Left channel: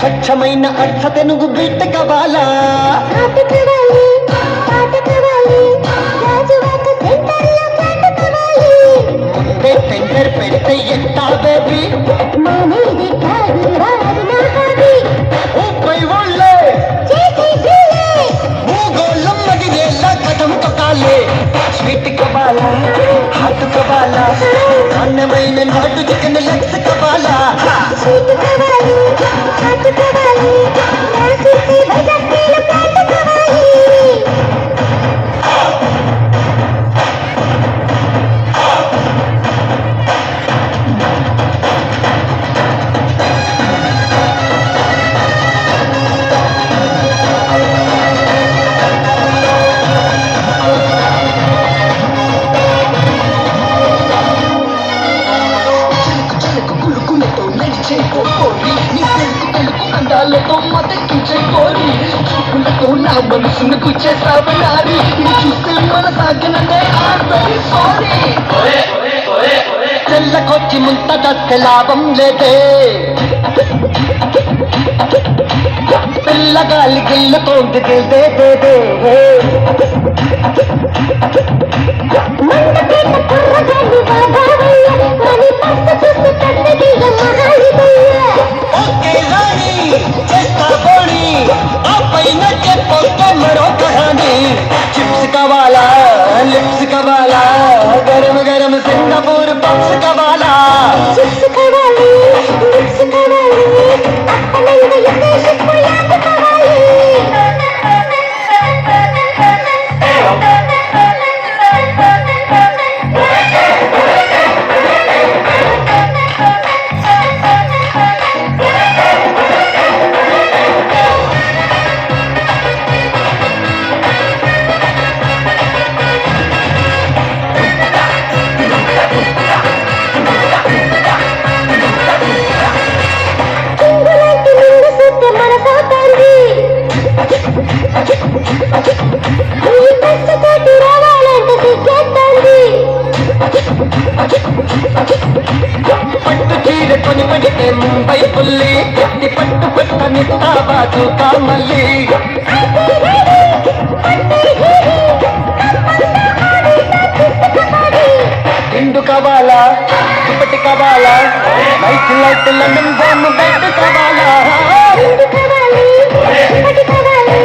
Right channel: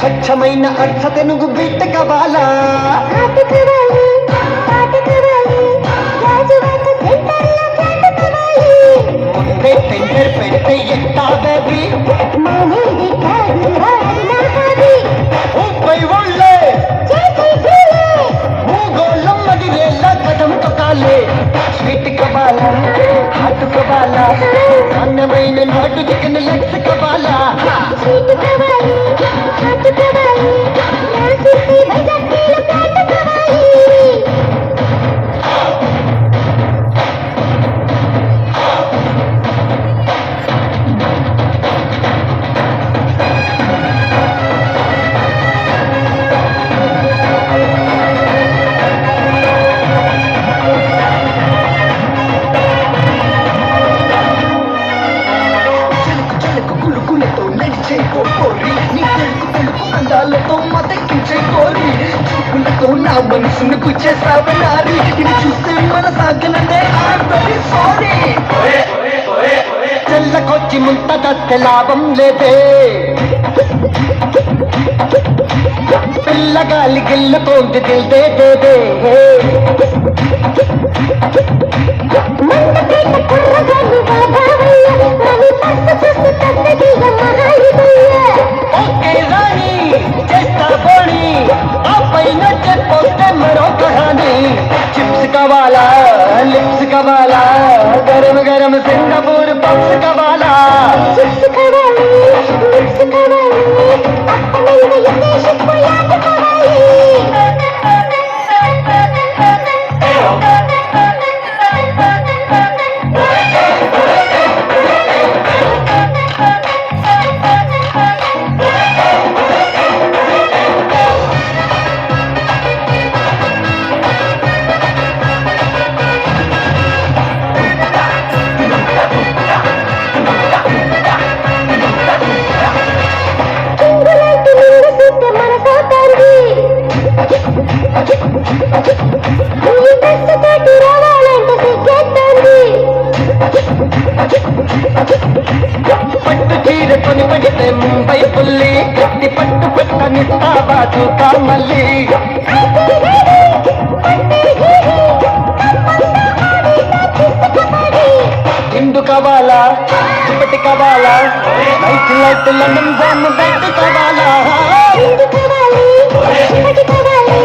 స్వచ్ఛమైన అర్థత నువ్వు బిడ్డ కవాలా టెండర్ పెడితే ఎంత బేబీ ముప్పై వాళ్ళే భూగోళం మదిరేళ్ళ కథం తొక్కాలే స్వీట్ కవాలా హాట్ కవాలా అన్నమైన నాటు చికెన్ లెగ్స్ కవాలా మనసును గుచ్చేసావనాది చూస్తే మన సాగననే సారీ చెల్లకొచ్చి ముంత దస్తే లాభం లేదే పిల్లగాలి గిల్లుతోంది దిల్దే దేదే चिप्स कवाला लिप्स कवाला गरम गरम सिंगापुर पप्स कवाला चिप्स कवाली लिप्स कवाली ముంబై పుల్లి గట్టి పట్టు పట్టని బాజు కామల్లి హిందూ కవాలా దుప్పటి కవాలా మైక్ లైట్ల నంజాన్ బెడ్ కవాలా హిందూ కవాలి దుప్పటి కవాలి